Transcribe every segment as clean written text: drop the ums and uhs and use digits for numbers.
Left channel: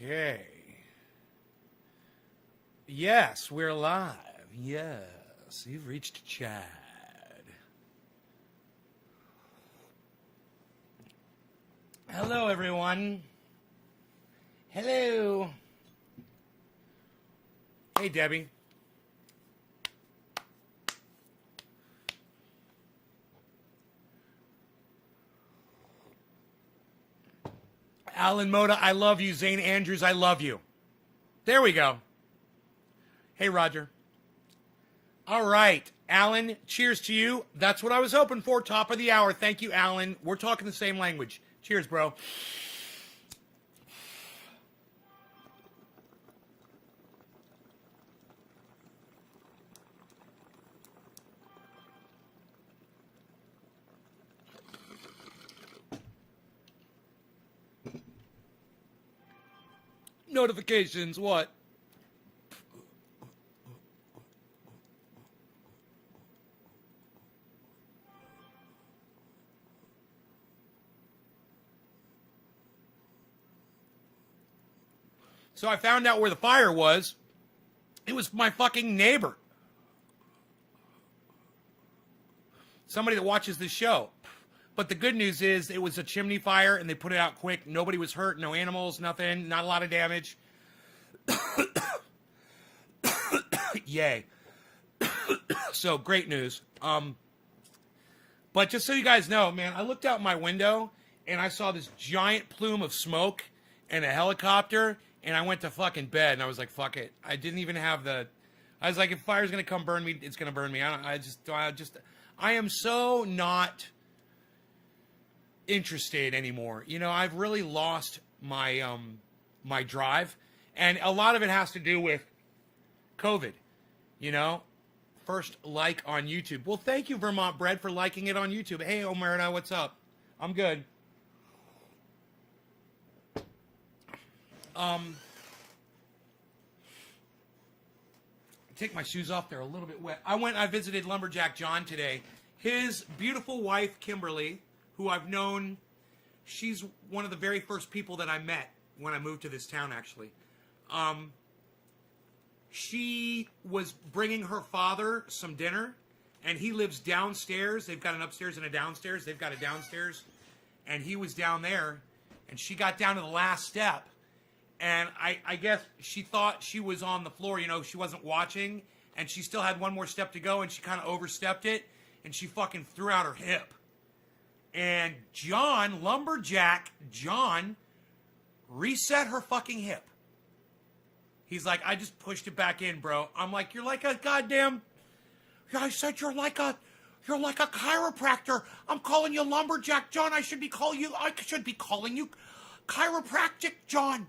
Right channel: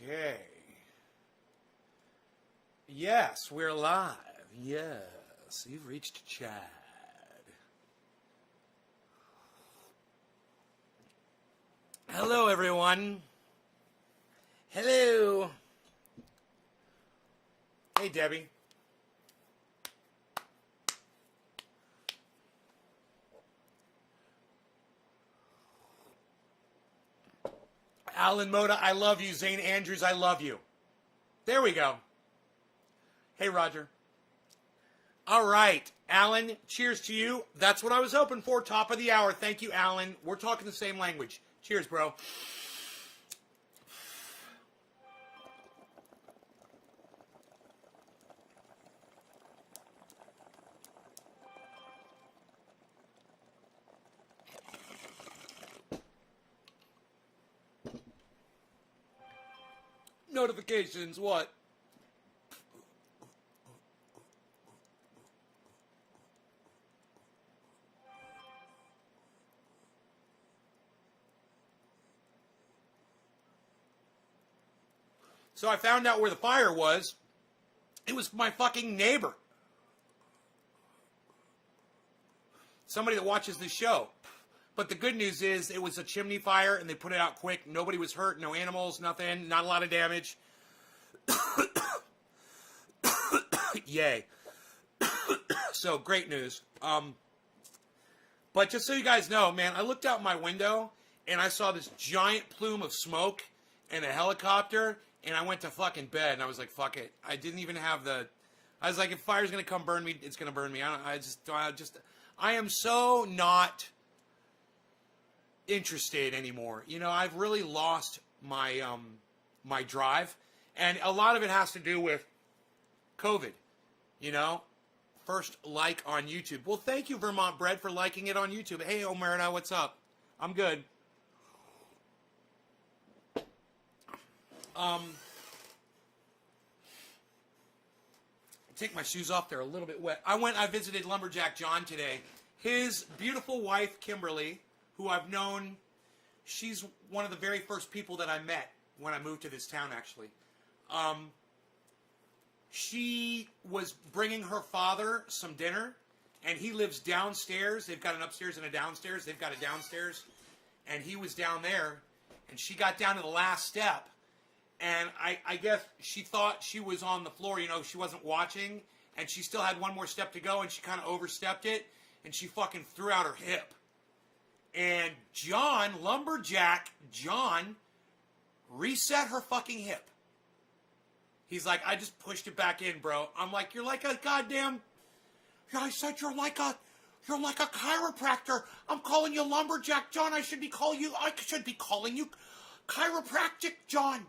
Okay. Yes, we're live. Yes, you've reached Chad. Hello, everyone. Hello. Hey, Debbie. Alan Moda, I love you. Zane Andrews, I love you. There we go. Hey, Roger. All right, Alan, cheers to you. That's what I was hoping for. Top of the hour. Thank you, Alan. We're talking the same language. Cheers, bro. Notifications, what? So I found out where the fire was. It was my fucking neighbor. Somebody that watches this show. But the good news is it was a chimney fire and they put it out quick. Nobody was hurt, no animals, nothing, not a lot of damage. Yay. So great news. But just so you guys know, man, I looked out my window and I saw this giant plume of smoke and a helicopter and I went to fucking bed and I was like, fuck it. I didn't even have I was like, if fire's going to come burn me, it's going to burn me. I am so not interested anymore. You know, I've really lost my my drive, and a lot of it has to do with COVID. You know, first like on YouTube. Well, thank you, Vermont Bread, for liking it on YouTube. Hey, Omerta, what's up? I'm good. Take my shoes off. They're a little bit wet. I visited Lumberjack John today. His beautiful wife, Kimberly, who I've known, she's one of the very first people that I met when I moved to this town, actually. She was bringing her father some dinner, and he lives downstairs. They've got an upstairs and a downstairs. They've got a downstairs, and he was down there, and she got down to the last step, and I guess she thought she was on the floor, you know, she wasn't watching, and she still had one more step to go, and she kind of overstepped it, and she fucking threw out her hip. And John, Lumberjack John, reset her fucking hip. He's like, I just pushed it back in, bro. I'm like, you're like a goddamn... I said you're like a chiropractor. I'm calling you Lumberjack John. I should be calling you Chiropractic John.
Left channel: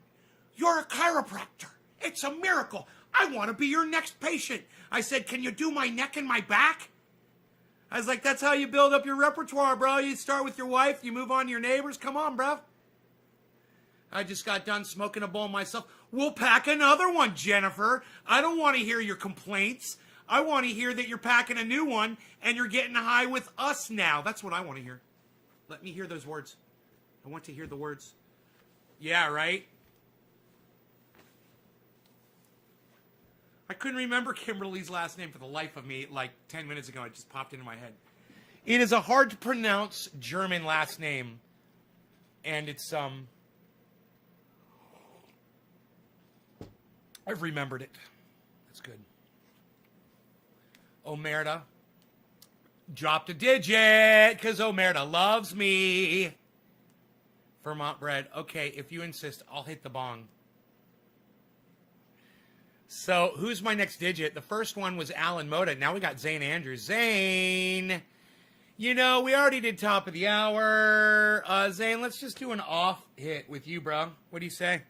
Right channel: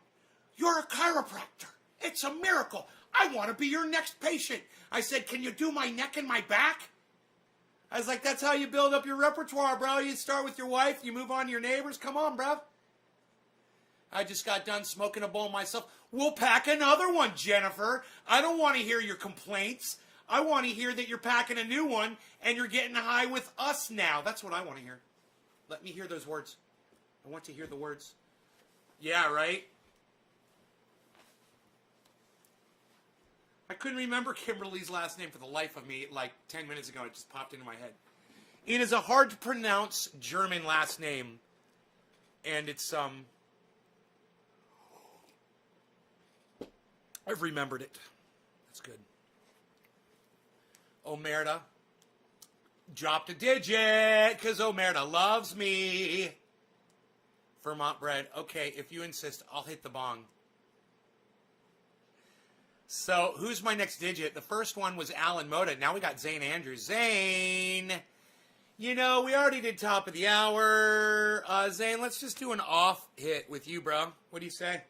You're a chiropractor. It's a miracle. I want to be your next patient. I said, can you do my neck and my back? I was like, that's how you build up your repertoire, bro. You start with your wife, you move on to your neighbors. Come on, bro. I just got done smoking a bowl myself. We'll pack another one, Jennifer. I don't want to hear your complaints. I want to hear that you're packing a new one and you're getting high with us now. That's what I want to hear. Let me hear those words. I want to hear the words. Yeah, right? I couldn't remember Kimberly's last name for the life of me like 10 minutes ago. It just popped into my head. It is a hard to pronounce German last name. And it's, I've remembered it. That's good. Omerta dropped a digit because Omerta loves me. Vermont Bread. Okay, if you insist, I'll hit the bong. So, who's my next digit? The first one was Alan Moda. Now we got Zane Andrews. Zane! You know, we already did top of the hour. Zane, let's just do an off hit with you, bro. What do you say?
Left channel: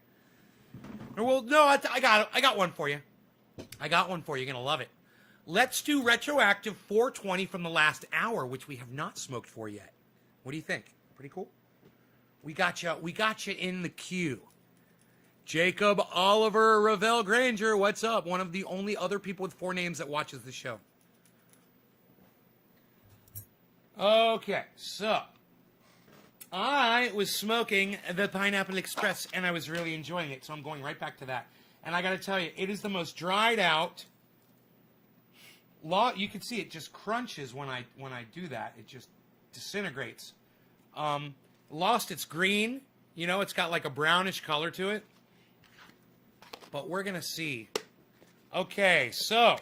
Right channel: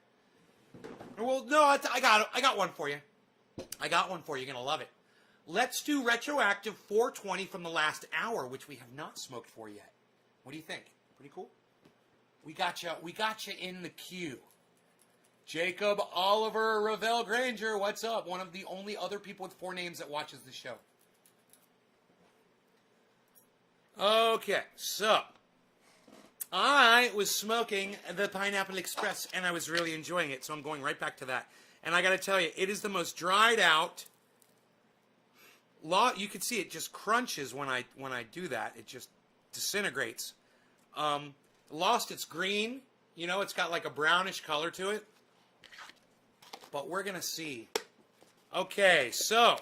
Well, no, I got one for you. I got one for you. You're going to love it. Let's do retroactive 420 from the last hour, which we have not smoked for yet. What do you think? Pretty cool? We got you in the queue. Jacob Oliver Ravel Granger, what's up? One of the only other people with 4 names that watches the show. Okay, so I was smoking the Pineapple Express, and I was really enjoying it, so I'm going right back to that. And I got to tell you, it is the most dried out. You can see it just crunches when I do that. It just disintegrates. Lost its green. You know, it's got like a brownish color to it. But we're going to see. Okay, so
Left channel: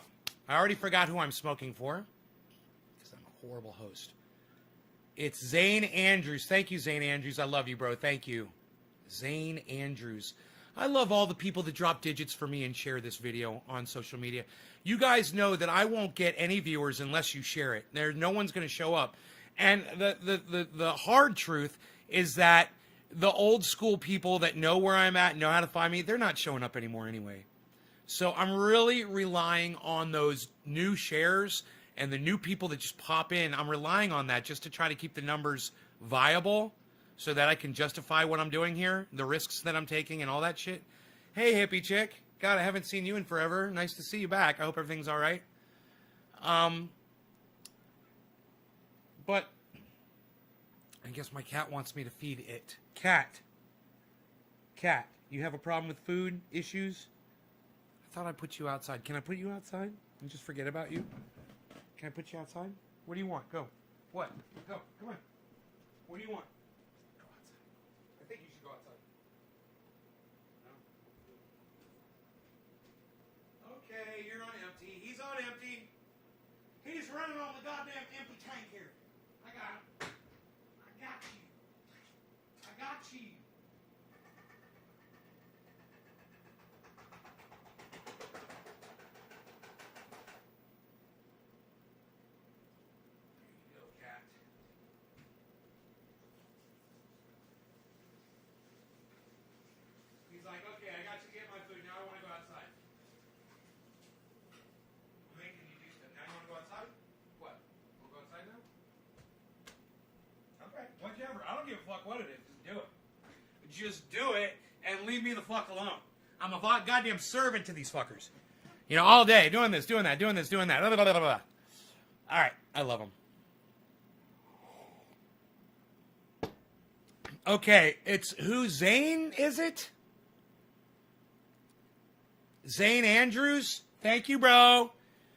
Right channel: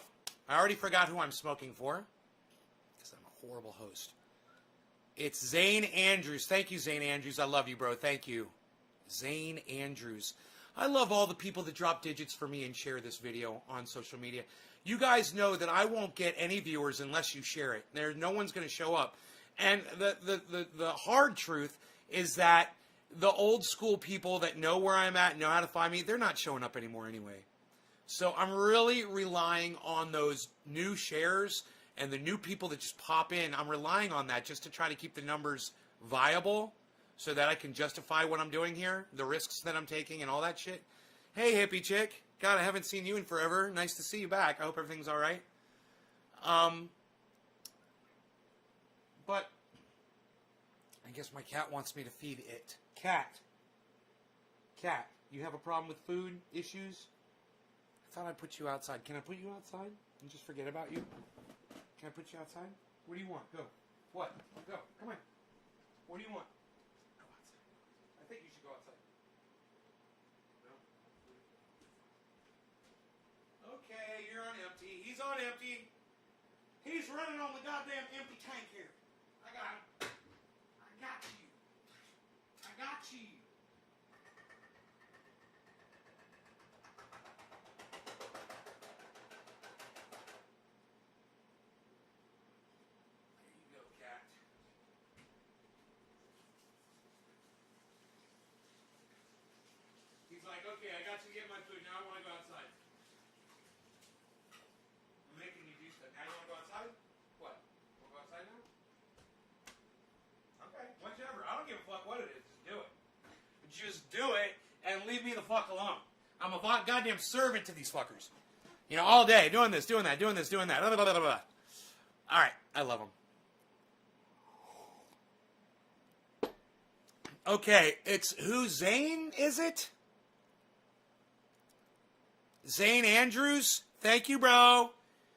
I already forgot who I'm smoking for, because I'm a horrible host. It's Zane Andrews. Thank you, Zane Andrews. I love you, bro. Thank you. Zane Andrews. I love all the people that drop digits for me and share this video on social media. You guys know that I won't get any viewers unless you share it. No one's going to show up. And the hard truth is that the old school people that know where I'm at, know how to find me, they're not showing up anymore anyway. So I'm really relying on those new shares and the new people that just pop in. I'm relying on that just to try to keep the numbers viable so that I can justify what I'm doing here, the risks that I'm taking and all that shit. Hey, hippie chick. God, I haven't seen you in forever. Nice to see you back. I hope everything's all right. But I guess my cat wants me to feed it. Cat, you have a problem with food issues? I thought I put you outside. Can I put you outside and just forget about you? Can I put you outside? What do you want? Go. What? Go. Come on. What do you want? Go outside. I think you should go outside. No? Okay, you're on empty. He's on empty. He's running on the goddamn empty tank here. I got him. I got you. I got you. Okay, I got you to get my food. Now I want to go outside. I'm making you do stuff. Now you want to go outside? What? Want to go outside now? Okay, whichever. I don't give a fuck what it is. Just do it. Just do it and leave me the fuck alone. I'm a goddamn servant to these fuckers. You know, all day, doing this, doing that, doing this, doing that. Blah, blah, blah, blah. All right, I love them. Okay, it's who? Zane, is it? Zane Andrews, thank you, bro.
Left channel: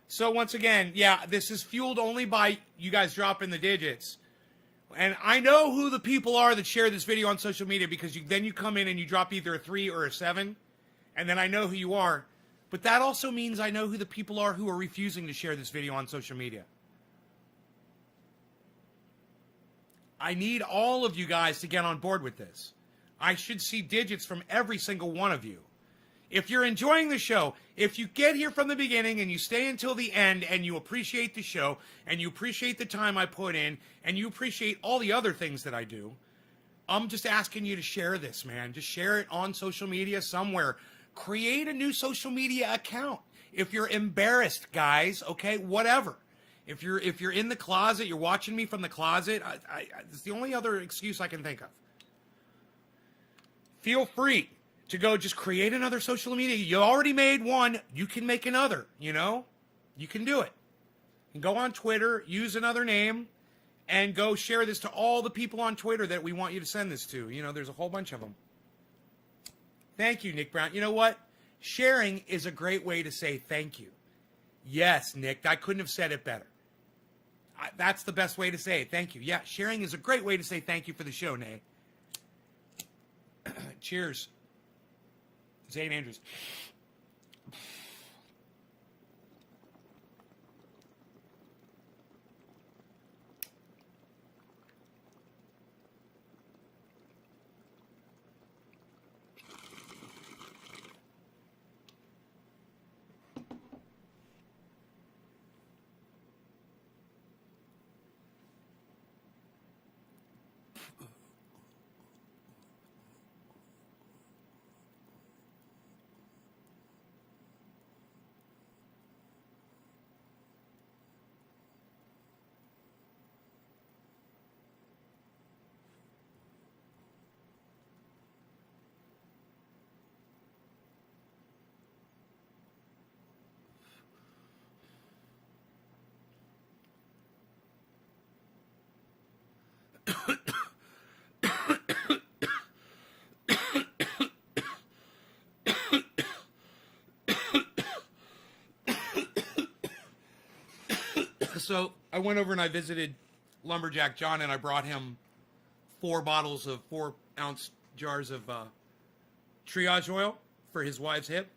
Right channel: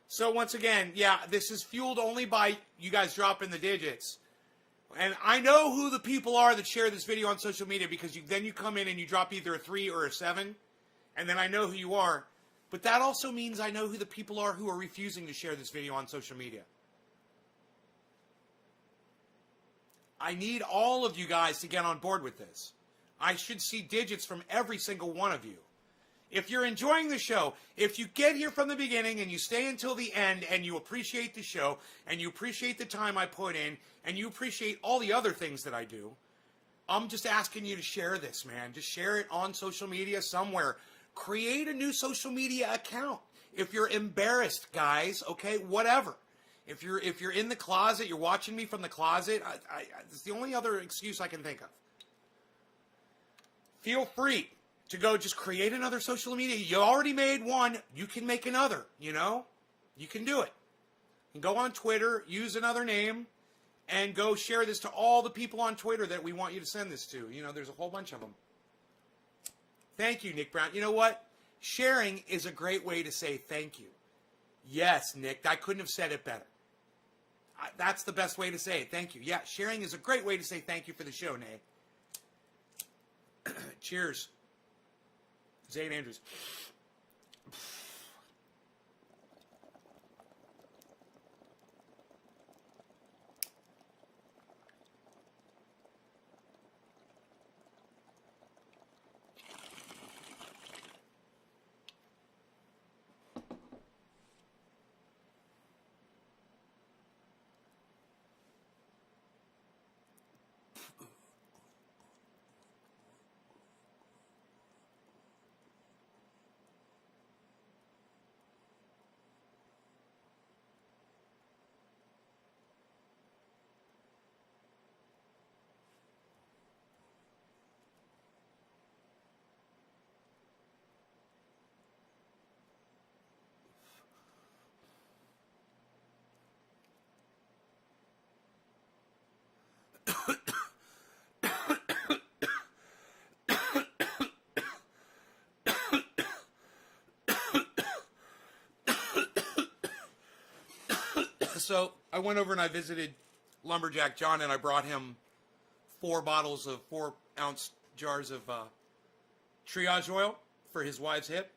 So once again, yeah, this is fueled only by you guys dropping the digits. And I know who the people are that share this video on social media because then you come in and you drop either a 3 or a 7, and then I know who you are. But that also means I know who the people are who are refusing to share this video on social media. I need all of you guys to get on board with this. I should see digits from every single one of you. If you're enjoying the show, if you get here from the beginning and you stay until the end and you appreciate the show and you appreciate the time I put in and you appreciate all the other things that I do, I'm just asking you to share this, man. Just share it on social media somewhere. Create a new social media account. If you're embarrassed, guys, okay, whatever. If you're in the closet, you're watching me from the closet, it's the only other excuse I can think of. Feel free to go just create another social media. You already made one. You can make another, you know? You can do it. And go on Twitter, use another name, and go share this to all the people on Twitter that we want you to send this to. You know, there's a whole bunch of them. Thank you, Nick Brown. You know what? Sharing is a great way to say thank you. Yes, Nick, I couldn't have said it better. That's the best way to say it. Thank you. Yeah, sharing is a great way to say thank you for the show, Nate. Cheers. Zane Andrews. So I went over and I visited Lumberjack John, and I brought him 4 bottles of 4-ounce jars of triage oil for his wife's hip.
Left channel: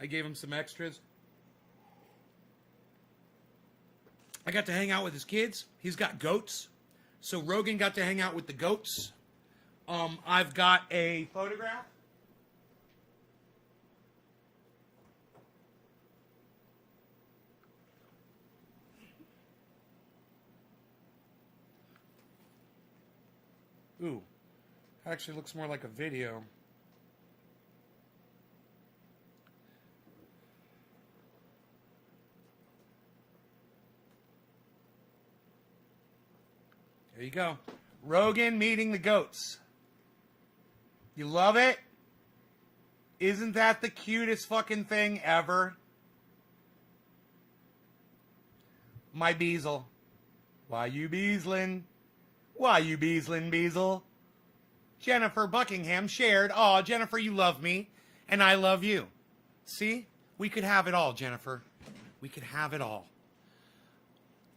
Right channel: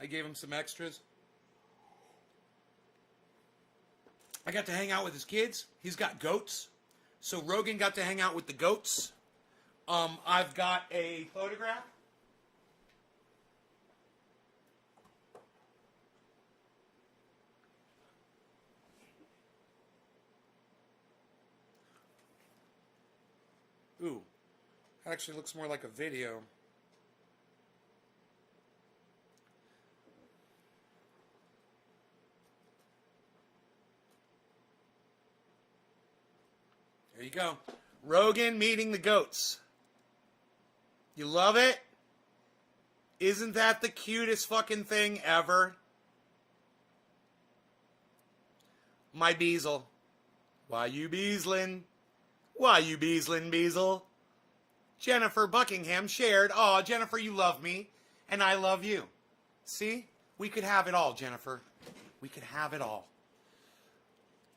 I gave him some extras. I got to hang out with his kids. He's got goats. So Rogan got to hang out with the goats. I've got a photograph. Ooh, actually looks more like a video. There you go. Rogan meeting the goats. You love it? Isn't that the cutest fucking thing ever? My Beazle. Why you beazlin'? Why you beazlin', Beazle? Jennifer Buckingham shared. Aw, Jennifer, you love me. And I love you. See? We could have it all, Jennifer. We could have it all.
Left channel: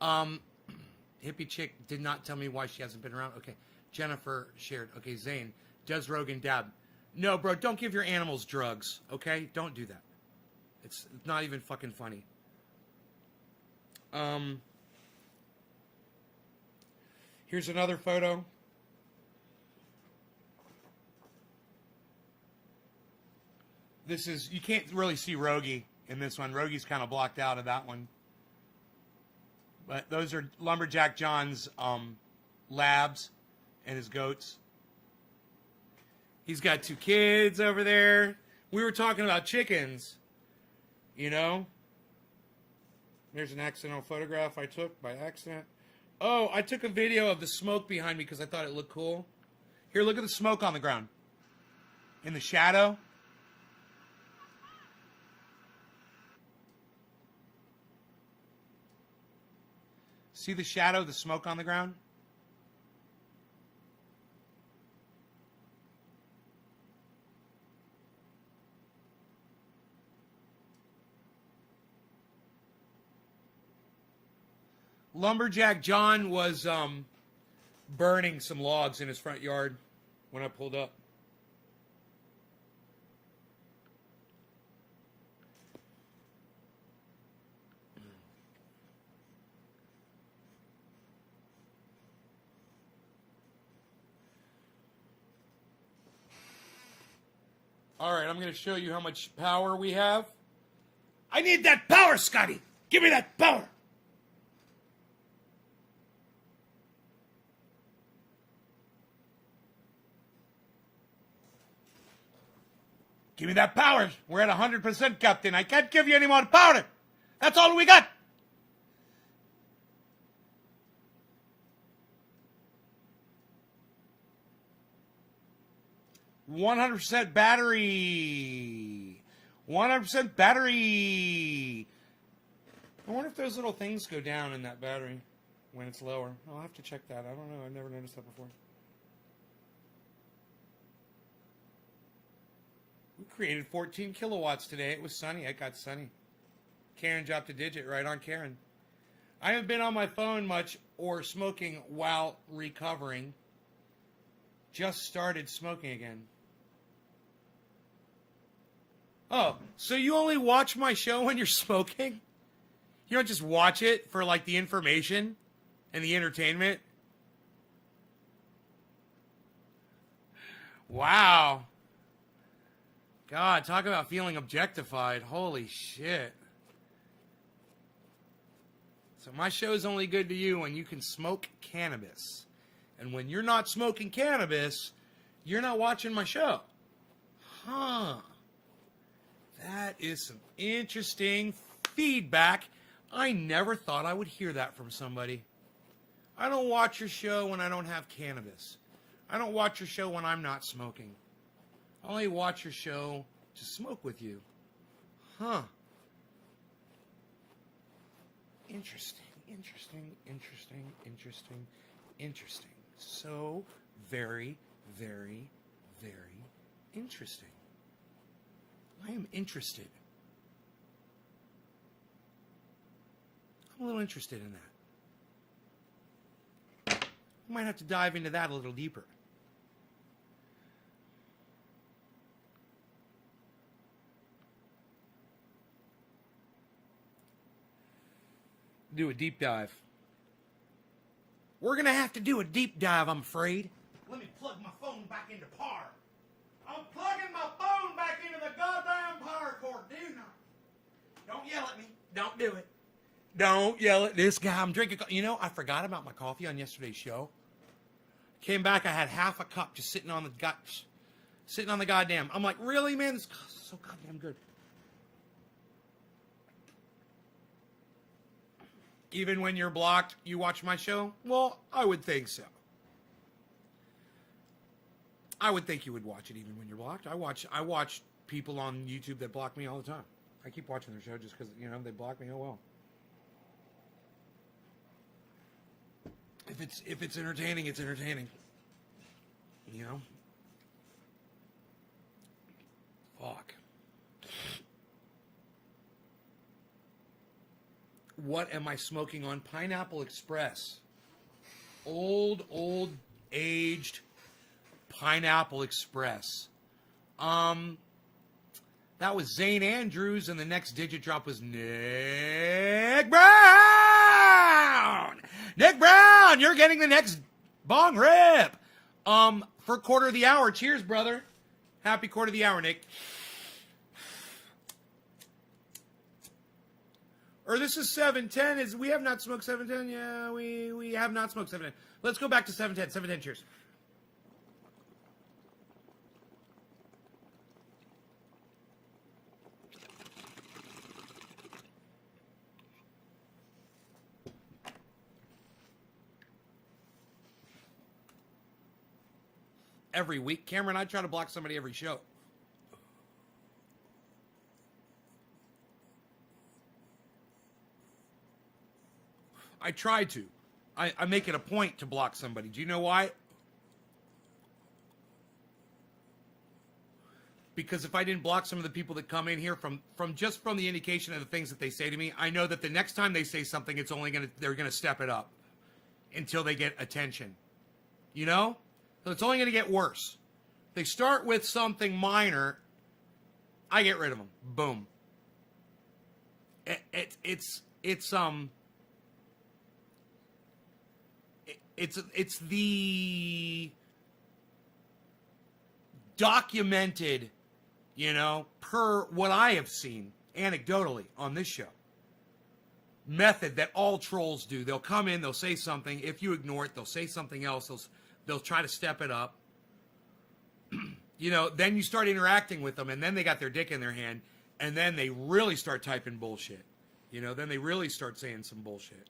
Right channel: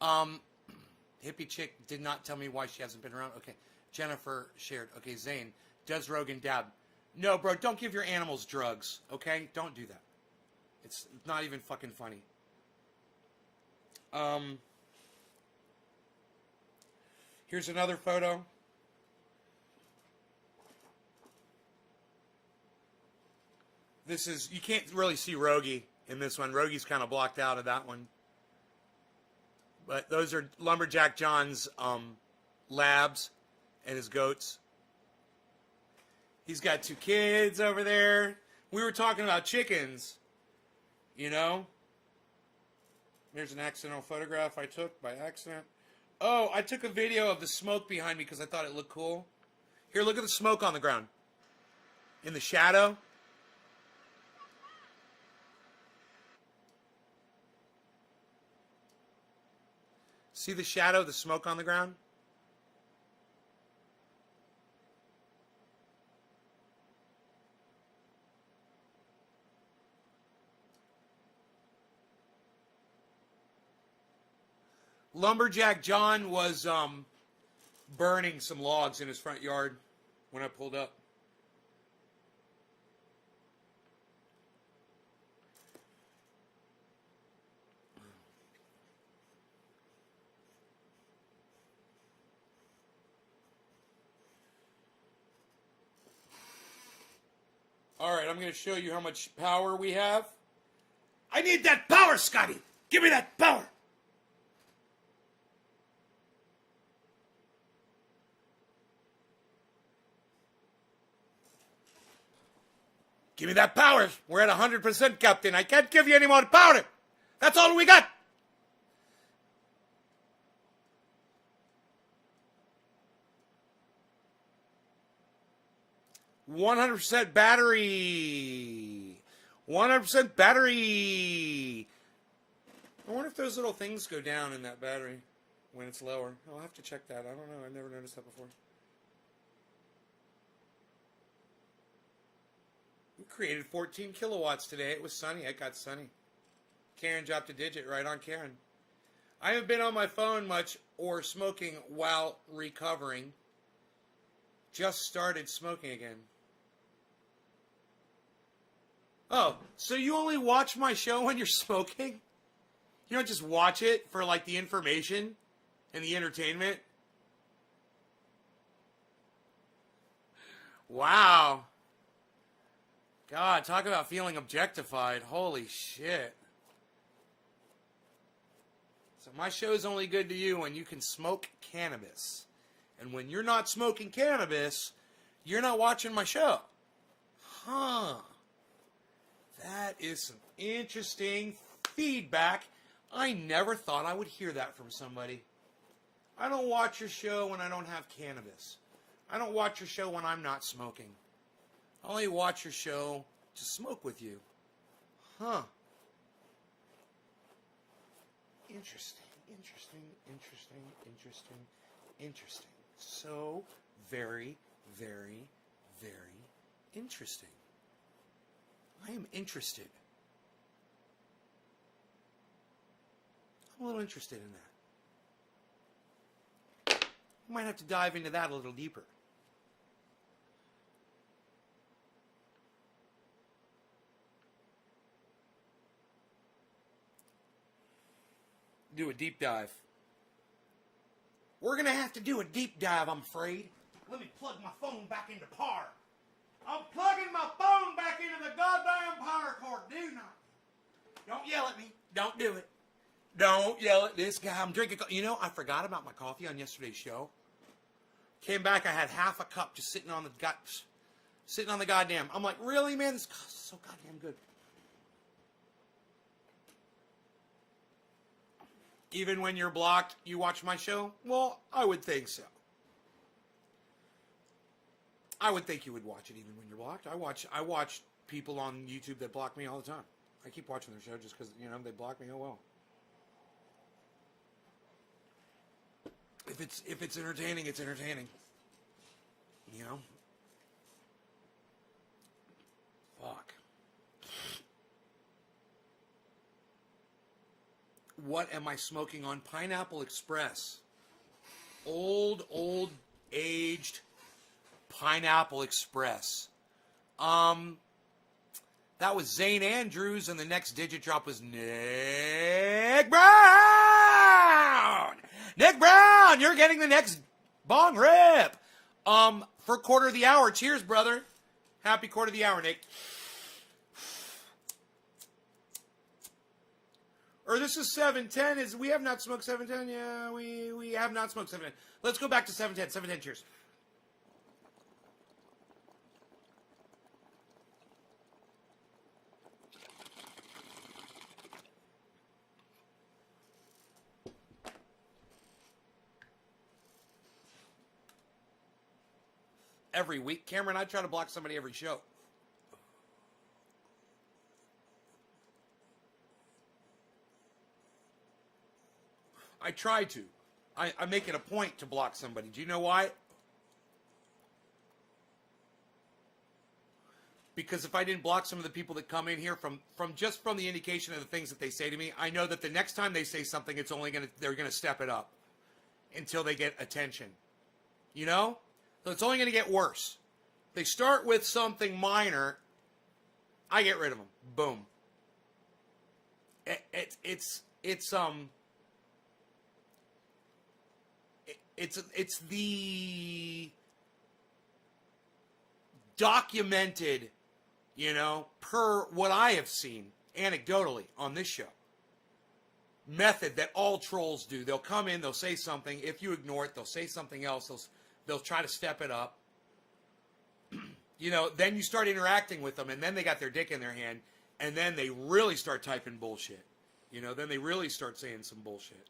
Hippie chick did not tell me why she hasn't been around. Okay. Jennifer shared. Okay, Zane. Does Rogan dab? No, bro, don't give your animals drugs. Okay? Don't do that. It's not even fucking funny. Here's another photo. This is, you can't really see Rogie in this one. Rogie's kind of blocked out of that one. But those are Lumberjack John's labs and his goats. He's got 2 kids over there. We were talking about chickens, you know. There's an accidental photograph I took by accident. Oh, I took a video of the smoke behind me because I thought it looked cool. Here, look at the smoke on the ground. In the shadow. See the shadow, the smoke on the ground? Lumberjack John was burning some logs in his front yard when I pulled up. All right, I'm going to show you how much power we have. I need that power, Scotty. Give me that power. Give me that power. We're at 100%, Captain. I can't give you any more power. That's all we got. "100% battery. 100% battery." I wonder if those little things go down in that battery when it's lower. I'll have to check that. I don't know. I've never noticed that before. We created 14 kilowatts today. It was sunny. It got sunny. Karen dropped a digit right on Karen. I haven't been on my phone much or smoking while recovering. Just started smoking again. Oh, so you only watch my show when you're smoking? You don't just watch it for like the information and the entertainment? Wow. God, talk about feeling objectified. Holy shit. So my show is only good to you when you can smoke cannabis. And when you're not smoking cannabis, you're not watching my show. Huh. That is some interesting feedback. I never thought I would hear that from somebody. I don't watch your show when I don't have cannabis. I don't watch your show when I'm not smoking. I only watch your show to smoke with you. Huh. Interesting. So very, very, very interesting. I am interested. I'm a little interested in that. We might have to dive into that a little deeper. Do a deep dive. We're going to have to do a deep dive, I'm afraid. Let me plug my phone back into power. I'm plugging my phone back into the goddamn power cord. Do not. Don't yell at me. Don't do it. Don't yell at this guy. I'm drinking. You know, I forgot about my coffee on yesterday's show. Came back, I had half a cup just sitting on the goddamn. I'm like, really, man? This coffee is so goddamn good. Even when you're blocked, you watch my show? Well, I would think so. I would think you would watch it even when you're blocked. I watch people on YouTube that block me all the time. I keep watching their show just because, you know, they block me. Oh, well. If it's entertaining, it's entertaining. You know? Fuck. What am I smoking on? Pineapple Express. Old, aged Pineapple Express. That was Zane Andrews, and the next digit drop was Nick Brown! Nick Brown, you're getting the next bong rip. For quarter of the hour. Cheers, brother. Happy quarter of the hour, Nick. Or this is 710. We have not smoked 710. Yeah, we have not smoked 710. Let's go back to 710. 710, cheers. Every week, Cameron, I try to block somebody every show. I try to. I make it a point to block somebody. Do you know why? Because if I didn't block some of the people that come in here from the indication of the things that they say to me, I know that the next time they say something, they're gonna step it up until they get attention. You know? So it's only gonna get worse. They start with something minor, I get rid of them. Boom. It's the documented, you know, per what I have seen anecdotally on this show, method that all trolls do. They'll come in, they'll say something. If you ignore it, they'll say something else. They'll try to step it up. You know, then you start interacting with them, and then they got their dick in their hand, and then they really start typing bullshit. You know, then they really start saying some bullshit.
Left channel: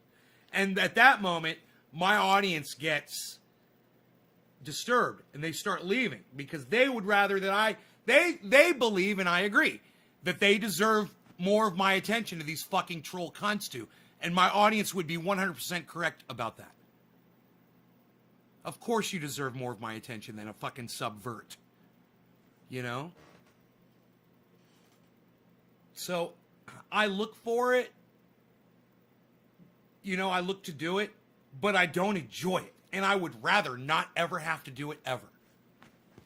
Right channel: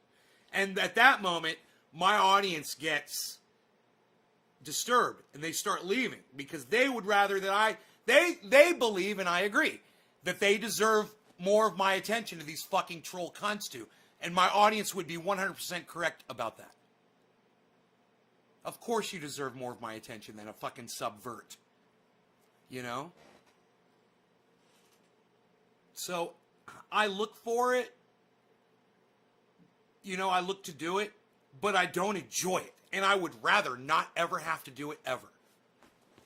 And at that moment, my audience gets disturbed, and they start leaving because they would rather that they believe, and I agree, that they deserve more of my attention than these fucking troll cunts do. And my audience would be 100% correct about that. Of course you deserve more of my attention than a fucking subvert. You know? So, I look for it. You know, I look to do it, but I don't enjoy it. And I would rather not ever have to do it ever.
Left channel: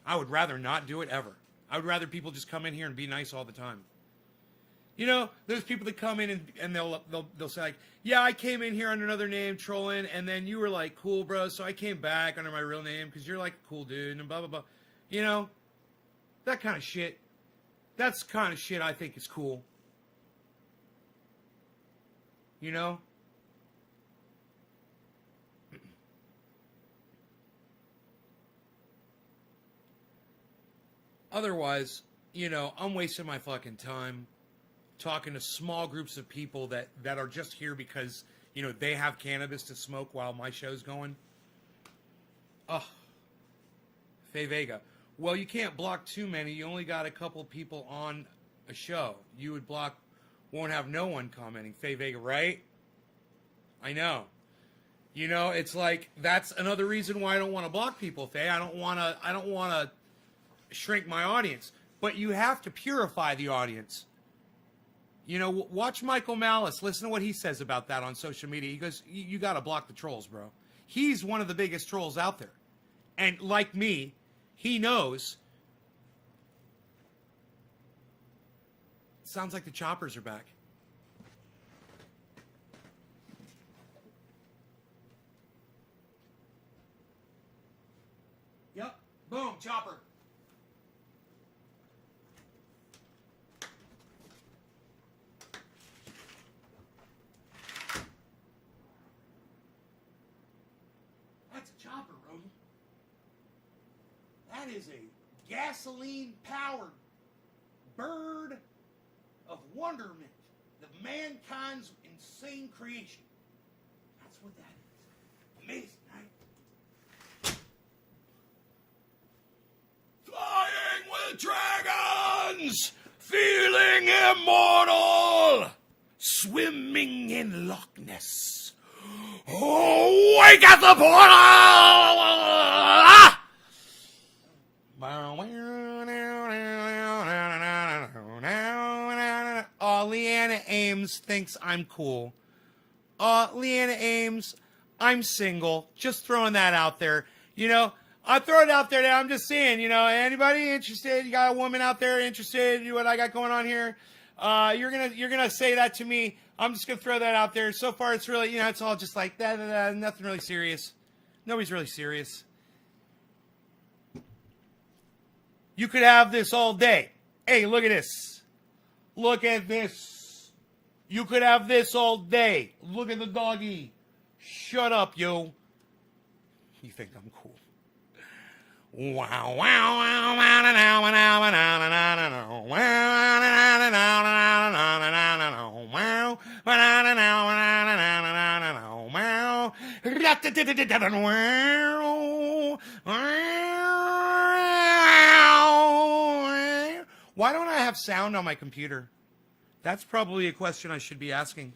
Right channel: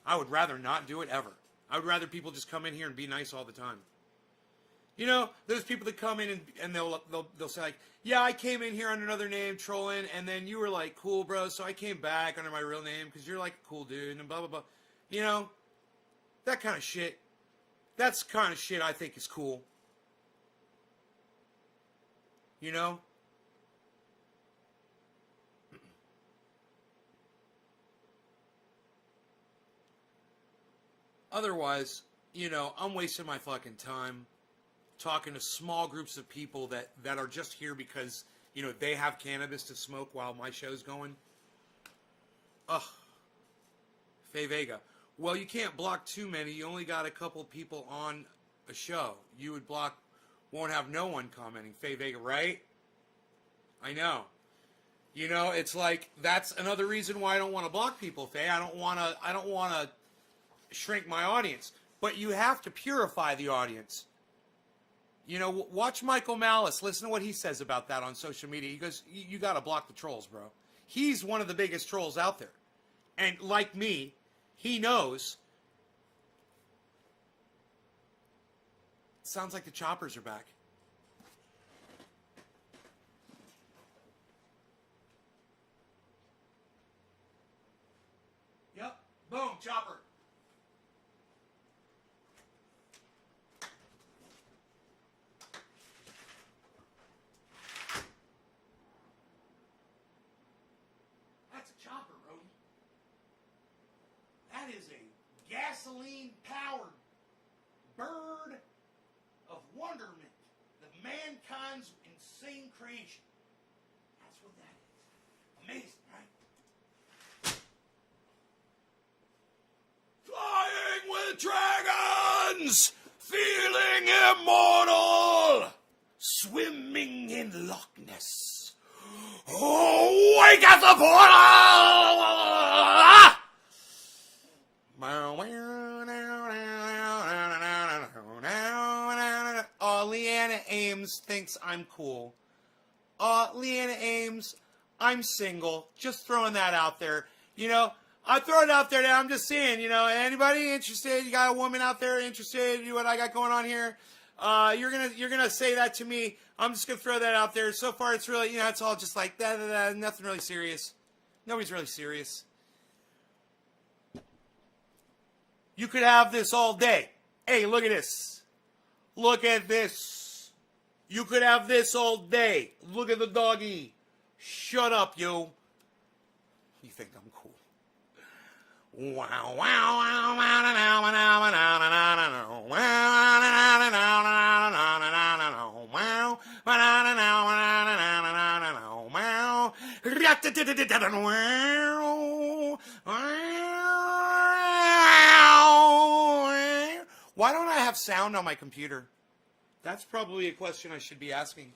I would rather not do it ever. I would rather people just come in here and be nice all the time. You know, there's people that come in and they'll say like, yeah, I came in here under another name trolling, and then you were like, cool, bro, so I came back under my real name because you're like a cool dude, and blah, blah, blah. You know, that kind of shit. That's the kind of shit I think is cool. You know? Otherwise, you know, I'm wasting my fucking time talking to small groups of people that are just here because, you know, they have cannabis to smoke while my show's going. Ugh. Faye Vega. Well, you can't block too many. You only got a couple people on a show. You would block, won't have no one commenting. Faye Vega, right? I know. You know, it's like, that's another reason why I don't want to block people, Faye. I don't want to shrink my audience. But you have to purify the audience. You know, watch Michael Malice. Listen to what he says about that on social media. He goes, you got to block the trolls, bro. He's one of the biggest trolls out there. And like me, he knows. Sounds like the choppers are back. Yep. Boom, chopper. That's a chopper, Rodney. That is a gasoline-powered bird of wonderment, the mankind's insane creation. That's what that is. Amazing, right? Flying with dragons, feeling immortal, swimming in Loch Ness. Oh, wake at the portal! Oh, Leanna Ames thinks I'm cool. Leanna Ames, I'm single. Just throwing that out there. You know, I throw it out there now. I'm just saying, you know, anybody interested? You got a woman out there interested in what I got going on here? You're gonna say that to me. I'm just gonna throw that out there. So far, it's really, you know, it's all just like that. Nothing really serious. Nobody's really serious. You could have this all day. Hey, look at this. Look at this. You could have this all day. Look at the doggy. Shut up, yo. You think I'm cool? Wow, wow, wow, wow, wow, wow, why don't I have sound on my computer? That's probably a question I should be asking.